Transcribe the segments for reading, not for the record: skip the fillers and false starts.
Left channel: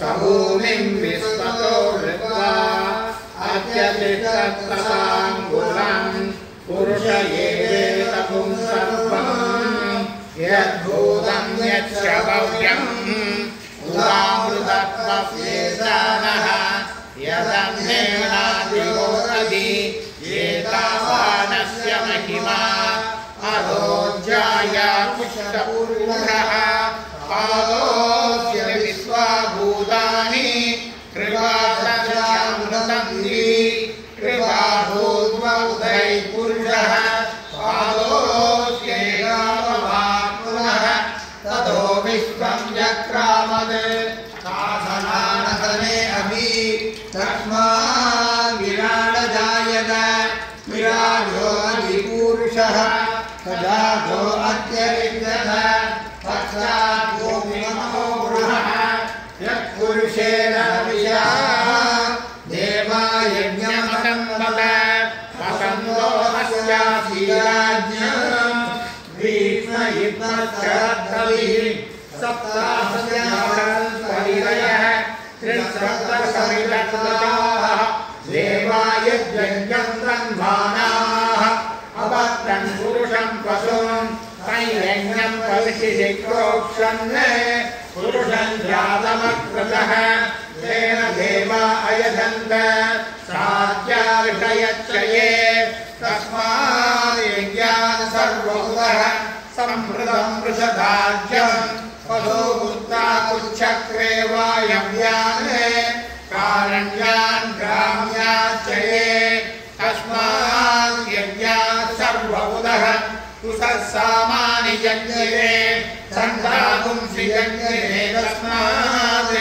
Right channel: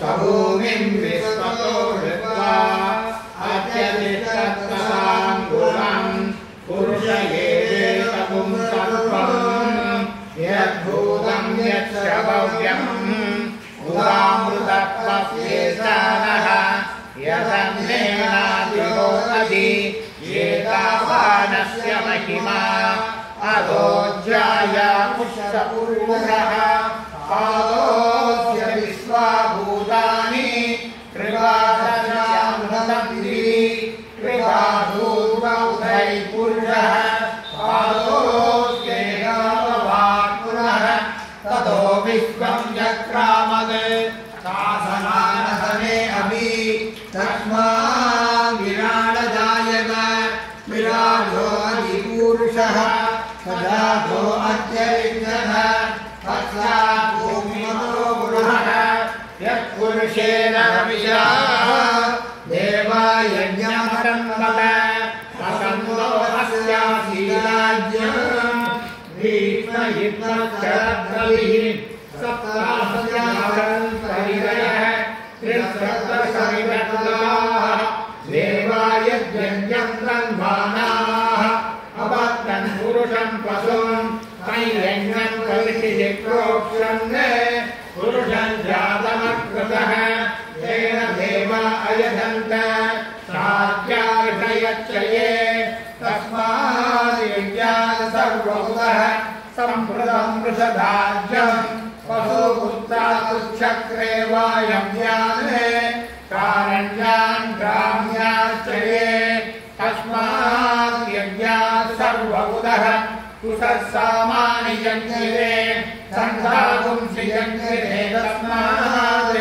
सभूमिं विश्वतो विद्वा अत्यतिष्ठत्तताङ्गुलं पुरुष एवेत पुंसत्वं यद्भूतं यच्च भव्यम् उदामृतत्वस्येषानः यदन्नेनादिगोपदि एतावानस्य महिमा अरोज्याया पुष्टपूर्णः पादोऽस्य विश्वाभूतानि कृपादशामृतन्ति कृपाभूद्वौधै पुरुषः पादोऽस्यैवापुनः ततो विश्वं जक्रामद् शासनानसने अभि तस्मात् विराडजायत विराजो अधिपूरुषः सजातो अत्यरिच्यः तस्मात् भूमिमतो पुरुषः यत्पुरुषेण हविषा देवा यज्ञमकन्दत असन्दो अस्यासीराज्ञम् भीष्मयुद्धक्षरद्बलिः सप्ताहस्यासंस्तरिरयः त्रिसप्तसरिरत्नाः देवा यज्ञं तन्मानाः अभक्तं पुरुषं पशुं तैयज्ञं कलिशिक्रोक्षं पुरुषं जातमकृतः तेन देवा अयधन्त साध्यार्षयच्चये तस्मात् यज्ञान् सर्वभूतः सम्प्रदं वृषधाज्यं पशुमुत्ताकुच्छक्रे वायव्यान् कारण्यान् ग्राम्याच्चये तस्मात् यज्ञान् सर्वभूतः तुषसामानि यज्ञे सन्धापुंसि यज्ञे तस्मात्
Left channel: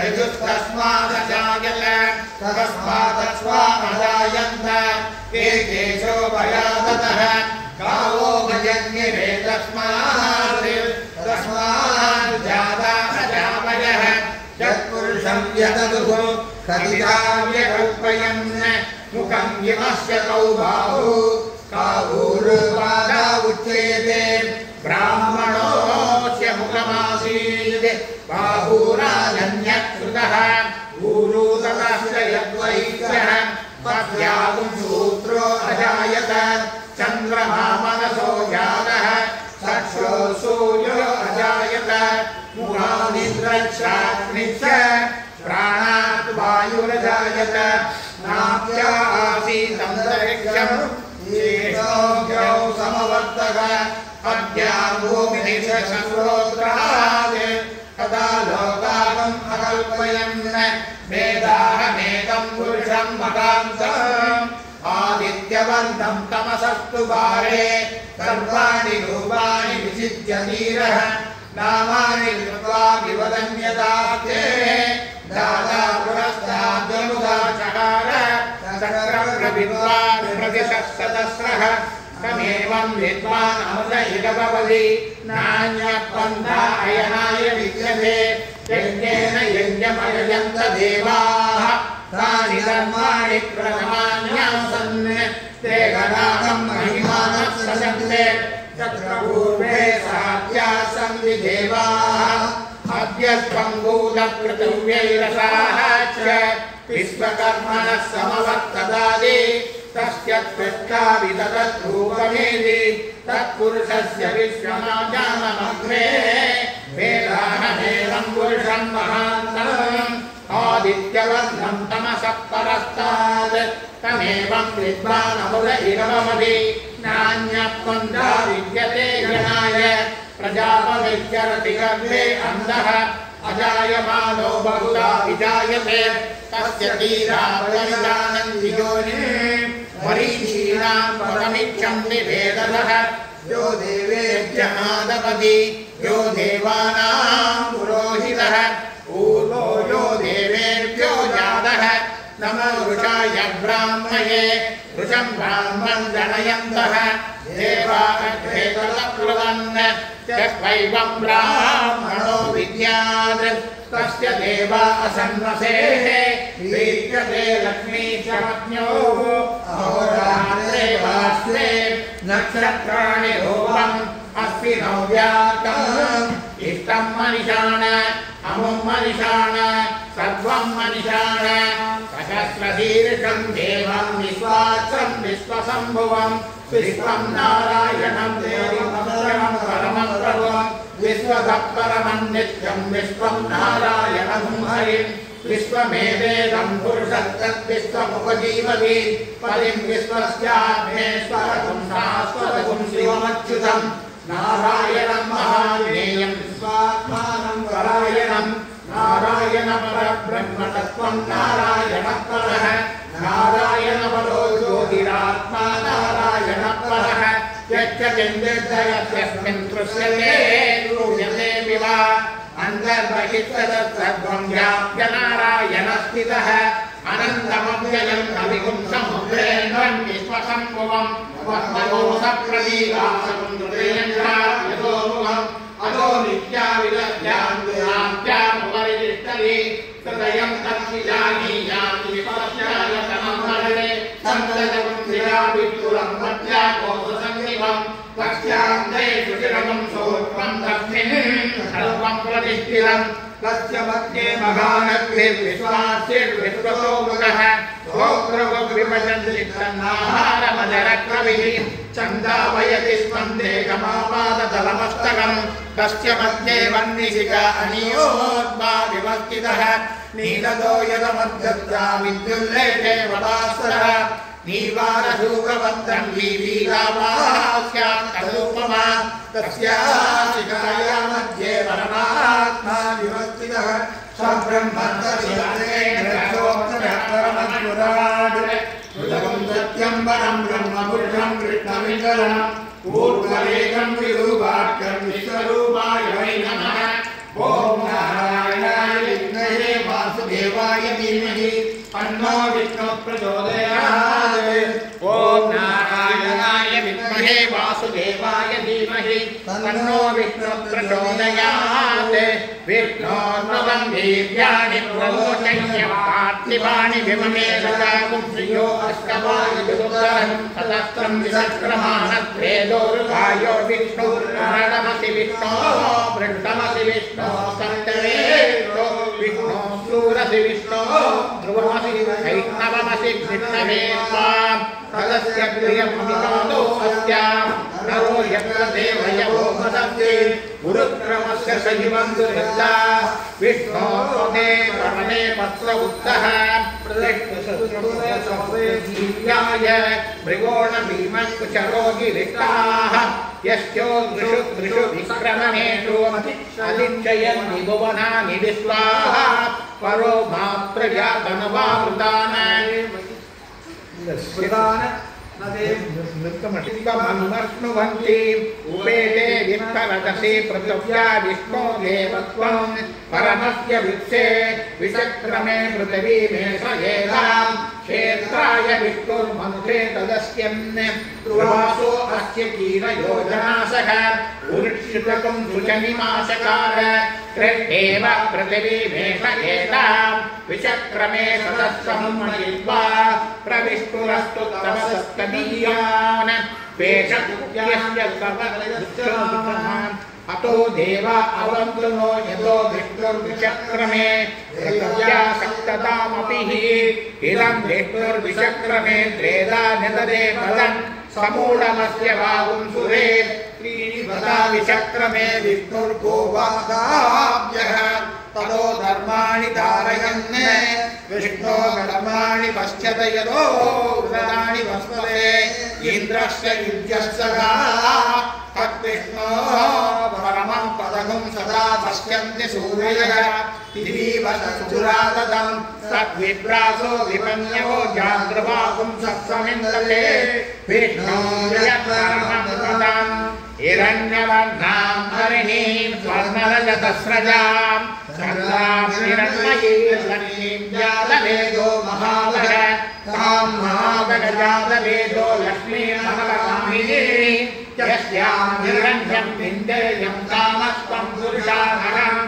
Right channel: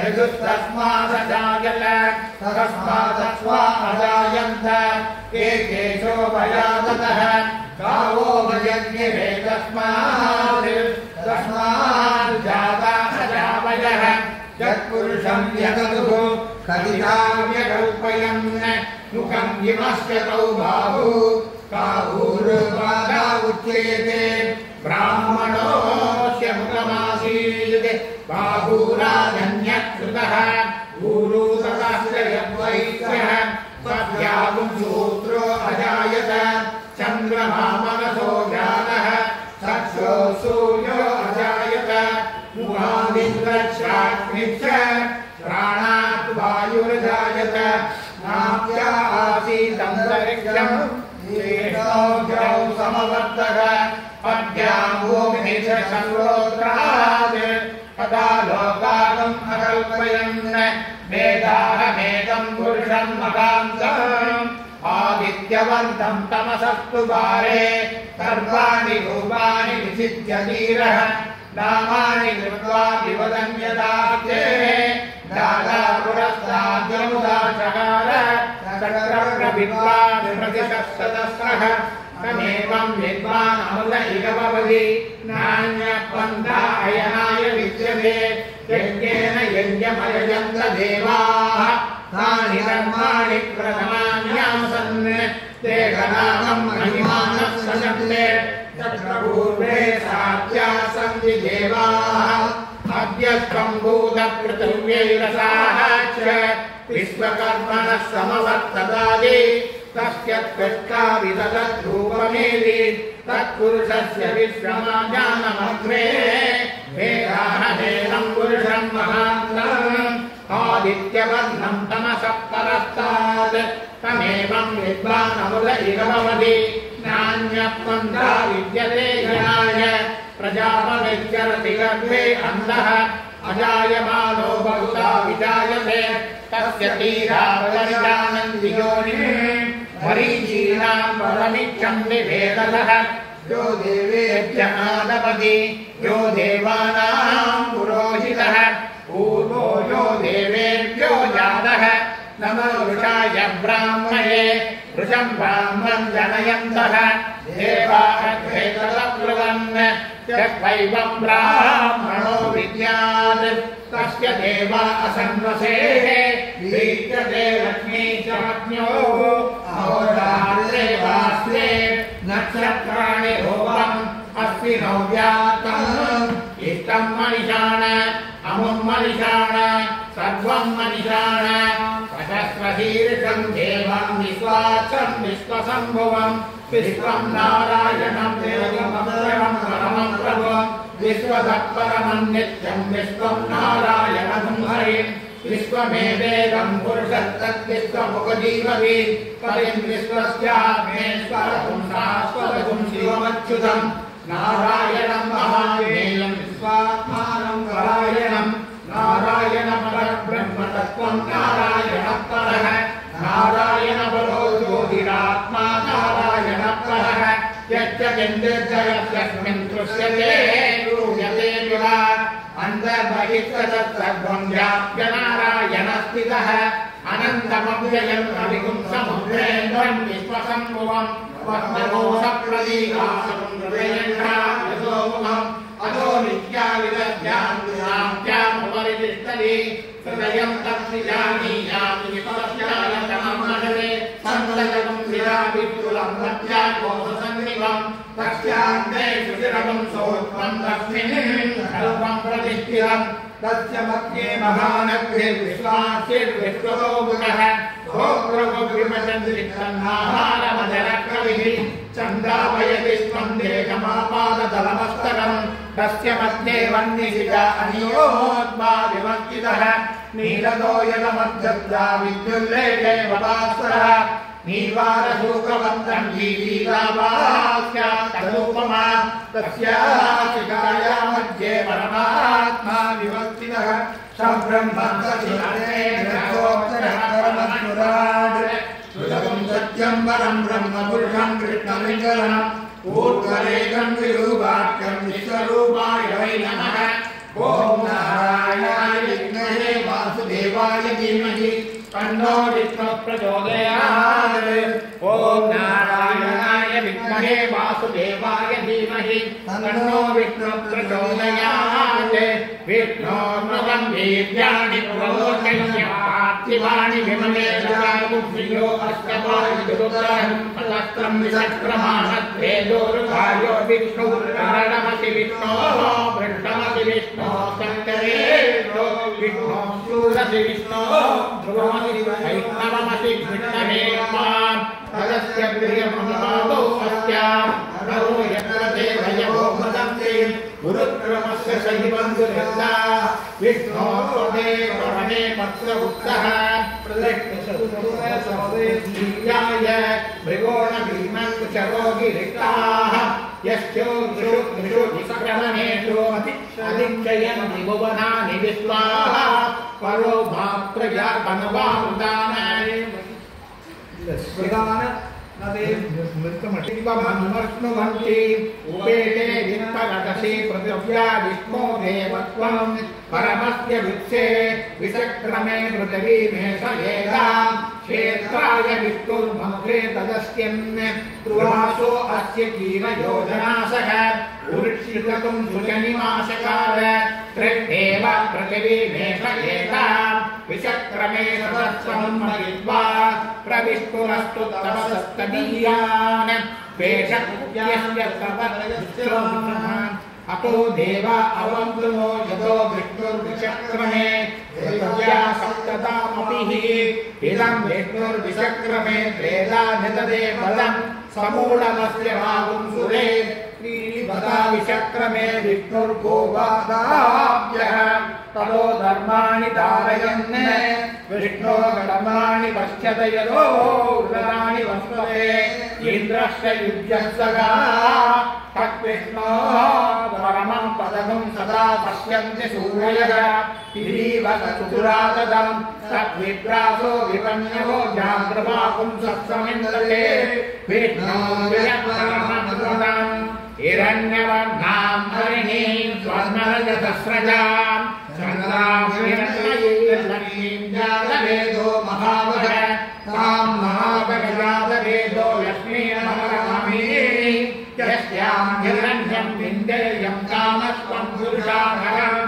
रजुस्तस्मादजायत तस्मादस्वादजायन्त एकेशोपयाततः गावो यज्ञे तस्मात् जाता अजावयः यत्पुरुषं यतदुः कथिताव्यकल्पयन् मुखं यमस्य तौ बाहु काहुर्वादा उच्यते ब्राह्मणोऽस्य मुखमासीत् बाहुराजन्यकृतः ऊरुतस्य यद्वैश्यः तस्यागुं शूद्रो अजायत चन्द्रमा मनसो जातः चक्षो सूर्यो अजायत मुखादिन्द्रश्चाग्निश्च प्राणात् वायुरजायत नाभ्या आसीदन्तरिक्षम् येषोऽव्यौ समवर्तत अद्यां भूमिः सर्वोत्रात् तदा लोकागम् अकल्पयन् वेदाहमेकं पुरुषं मतान्तम् आदित्यवन्तं तमसस्तु पारे सर्वाणि रूपाणि विचित्य वीरः नामानि कृत्वा विवदन्यदास्ते दादा पुरस्ताद्यमुदा चकार चक्रप्रविद्वान् प्रतिशतसहस्रः तमेवं विद्वान् अमृत इव भवति नान्यपन्था अयनाय विद्यते यज्ञेन यज्ञमयजन्त देवाः तानि कर्माणि प्रथमान्यासन् ते गणागं महिमानः सशब्दे तत्र पूर्वे साध्यासं देवाः अद्यस्त्वं भूतपृथिव्यैरसाः च विश्वकर्मणः समवर्तदादि तस्य त्वष्टाविदगद्रूपमेति तत्पुरुषस्य विश्वमाज्ञानमग्रे वेदाहमेनं पुरुषं महान्तम् आदित्यवर्णं तमसः परस्तात् तमेवं विद्वान् अमृत इव भवति नान्यपन्था विद्यते गणाय प्रजापतिश्चरति गर्भे अन्धः अजायमानो बहुधा विजायते तस्य तीरावयजानन्ति योनिः मरीचीनां पदमिच्छन्ति वेदसः यो देवेभ्य आदपति यो देवानां पुरोहितः पूर्वो यो देवेभ्यो जातः नमो वृषाय ब्राह्मणे वृषं ब्राह्मणं जनयन्तः देवाः भेदप्लवन् चैवं ब्राह्मणो विद्यात् तस्य देवा असन्वसेः वीक्ष्यते लक्ष्मी च पत्न्यो अहोरात्रे वास्ते नक्षत्राणि रूपम् अस्मिन् व्याप्तम् इष्टं मनिषाण अमुं मनिषाण सर्वं मनिषाण सहस्रशीर्षं देवं विश्वाक्षं विश्वसम्भुवं विश्वं नारायणं देवं परमं प्रभुं विश्वतत्परमं नित्यं विश्वं नारायणं हरिं विश्वमेवेदं पुरुषस्तद्विश्वमुपजीवति परिं विश्वस्यात्मेश्वरं शाश्वतं शिवमच्युतं नारायणं महाज्ञेयं स्वात्मानं परायणं नारायणपरब्रह्मतत्त्वं नारायणपरः नारायणपरो योगिरात्मा नारायणपरः यच्च किञ्चिद्दयस्मिन् दृश्यते श्रूयते विवा अन्तर्बहिस्तत्सर्वं व्याप्य नारायणस्थितः अनन्तमव्ययं कविगुं समुद्रेन्द्रं विश्वसम्भुवं पद्मकोशप्रदीकाशं हृदयङ्घायतोमुखम् अतो नित्याविलज्जान्त्यामुपरितिष्ठति हृदयं तत्विजानीयां विपश्चालतमं महरे सन्ततं विरावित्तुलं मध्याकोशसन्निभं पश्चान्ते सुचिरकं सोत्वं तस्मिन् सर्वं प्रतिष्ठितं तस्य मध्ये महानग्निर्विश्वास्यर्विश्वतो मुखः भोक्तृविपचन्दितन्नाहारमजरकविः चन्दावयति स्पन्देकमापादतलमस्तकं तस्य मध्ये वह्निशिखा अनियोद्मा विवस्थितः नीलतो यदमध्यत्या विद्युल्लेखे प्रभास्वरः नीर्वाणशूकवन्तं वीतीगावास्यात्तरूपमा तस्याशिखाया मध्ये परमात्मा विवस्थितः सुलभं सत्यं परं ब्रह्मपुरुषं कृष्णविन्दनं ऊर्ध्वरेकं विरूपाख्यं विश्वरूपाय वै नमः ॐ नारायणाय विद्महे वासुदेवाय धीमहि तन्नो विष्णुः प्रचोदयात् ॐ नारायणाय विद्महे वासुदेवाय धीमहि तन्नो विष्णुः प्रचोदयात् विष्णोर्नुगं दिव्यानि प्रलोकय्य पार्थिवानि विममे रुदागुभ्यो अष्टवायुरुदरं सहस्रं विसक्रमानत्वेदोरुभायो विष्णुर्नरमसि विष्णो वृष्टमसि विष्णो सप्तवेदो विष्णो शूरसि विष्णो ध्रुवमसि वैष्णवमसि विष्णवे त्वां तदस्य प्रियमनुपादो अस्यां नरो यत्र देवयवो भदन्ति गुरुक्रमस्य शैवन्दुर्हृदा विष्णो त्वमे परमे पत्र उत्तः प्रदक्षिणसुरसौवेदीयाय मृगोणभीमकुचरोगिरिक्ताः यस्यो दृषु विक्रमणेषु अधिक्षयन्ति भुवनानि विश्वाः परो मात्रजातनवामृतान् नृत्तमनुवर्ष्णुवन्ति उपेते विस्तरदसि पृथिव्या विष्णो देवत्वं परमस्य वित्से विचक्रमे पृथिवीमेषयेदां क्षेत्राय विष्णुर्मन्त्रे तदस्यन् प्रवासो अस्य कीरयोजनासः उरुक्षितकं सुजनिमाशकार कृष्णेव पृथिवीमेषयेदां विचक्रमे तदस्सम्मयित्वा प्रविष्टुरस्तु तमसस्तदीयान् पेशकुत्यस्य तमदुष्टोमुखमान् अतो देवा अवन्तुनो यतो विष्णुर्विचक्रमे पृथिव्या सप्ततामपि इदं विष्णुर्विचक्रमे त्रेधा निददे बलं समूढमस्य बाहुं सुरे त्रीणि बता विचक्रमे विष्णुर्गोवादाभ्यः तदो धर्माणि धारयन् विष्णो धर्माणि पश्यत यदो व्रतानि वस्पते इन्द्रस्य युध्यस्य तद्विष्णो परमं पदकं सदा पश्यन्ति सूरयः तिरीवसुरातदं तद्विप्रासो विपन्यो जाग्रवाकुं सत्समिन्दते विष्णोर्यपरमं हिरण्यवर्णां हरिणीं स्वर्णरजतस्रजां सर्वां हिरण्मयीं लक्ष्मीं जातवेदो महावः तां महावगजातवेदो लक्ष्मीं महाकामिनीं यस्यां हिरण्यं विन्देयं तामस्त्वं पुरुषाहरम्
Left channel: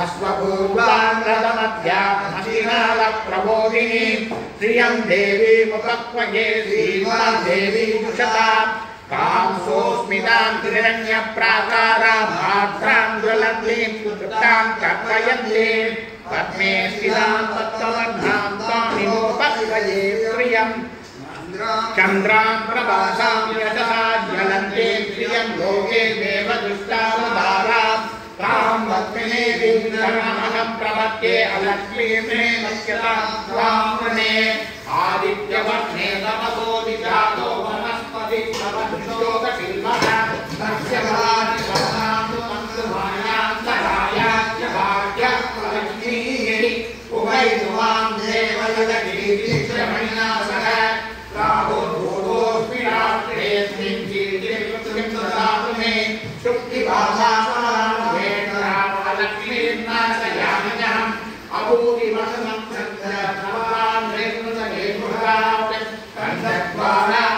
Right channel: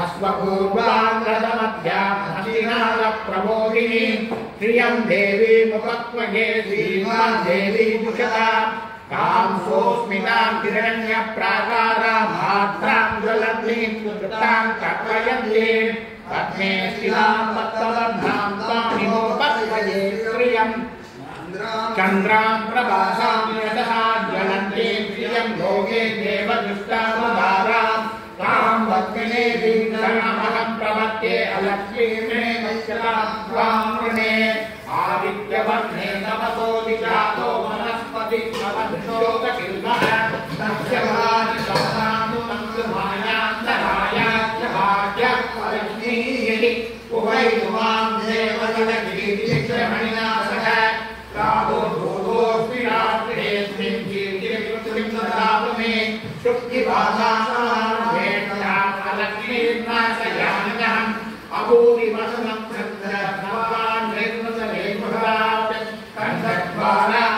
अश्वपूर्वां रथमध्यामहिनालप्रबोधिनीं श्रियं देवीमुपक्वये श्रीमां देवीमुषतां तां सोऽस्मितां हिरण्यप्राकारां भात्रां ज्वलन्तीं तृप्तां कल्पयन्तीं तत्मे स्थितां तत्त्ववर्धां तामिमोपक्वये प्रियम् चन्द्रां प्रभासां यतः ज्वलन्ते प्रियं लोके देव दुष्टावतारां तां वक्तिने दीर्घमहं प्रवक्ते अलक्ष्मीर्णे मुख्यतां त्वां वृणे आदित्यवर्णे नमसो विजातो वनस्पति प्रवक्षोकशिल्पः तस्य भाग्यभाग्यभाग्यलक्ष्मीः उभयतुमां देवजलगिरिशमणिना सह राहुर्भूतोऽस्मि रात्रेऽस्मिन् कीर्तिं ददातु मे शुक्तिभासालक्ष्मीर्नाशयाम्यहम् अभूतिवसनं चन्द्रभगवान् निर्मृतमेर्मुहरात्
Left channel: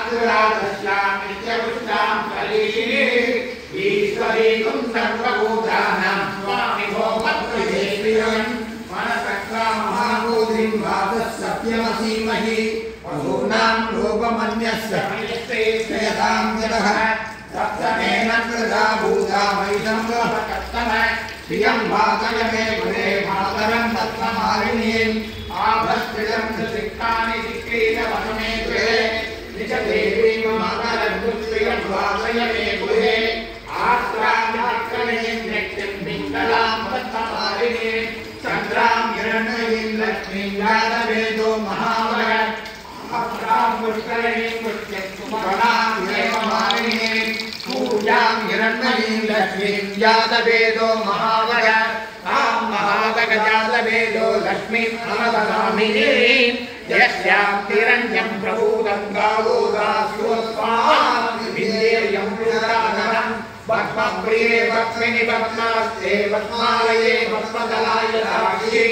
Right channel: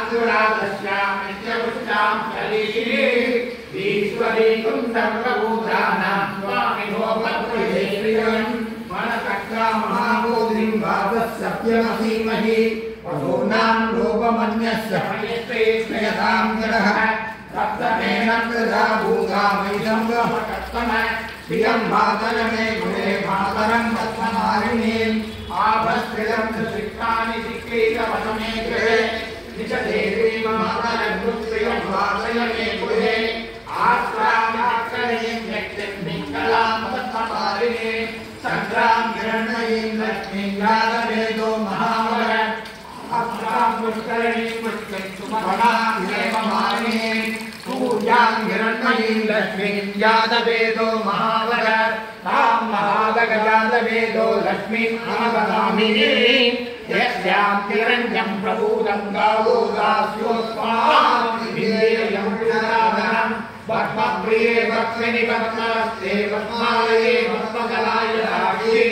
कण्ठद्वारादस्यामि च पुष्टां कलीशिनी ईश्वरीं सर्वभूतानां स्वामि भोमत्वये प्रियम् मनसक्ता महाभूतिं वादः सत्यमसीमहि पशूनां लोकमन्यस्य यथां जलः तत्समेन कृता भूता वैशं वहकत्तमः प्रियं मातरमे गुणे मातरं तत्त्वमालिनीम् आभस्त्रिदं सुशिक्तानि शिक्रीतवसमे गृहे निशदेवी मातरं प्रियं वासयमे गृहे आस्त्रां व्यक्तिं पिङ्गलां तत्त्वमालिनीम् चन्द्रां हिरण्मयीं लक्ष्मीं जातवेदो महावः पुष्करणीं पुष्टिं मालिनीं पूजां हिरण्मयीं लक्ष्मीं जातवेदो महावः तां महावगजातवेदो लक्ष्मीं महावगामिनीं यस्यां तिरञ्जं प्रभूतं गावो दास्योत्पां विधेयं प्रियतामहं पद्मप्रिये पद्मिनि पद्मास्ते पद्मालये पद्मदलाय दाक्षी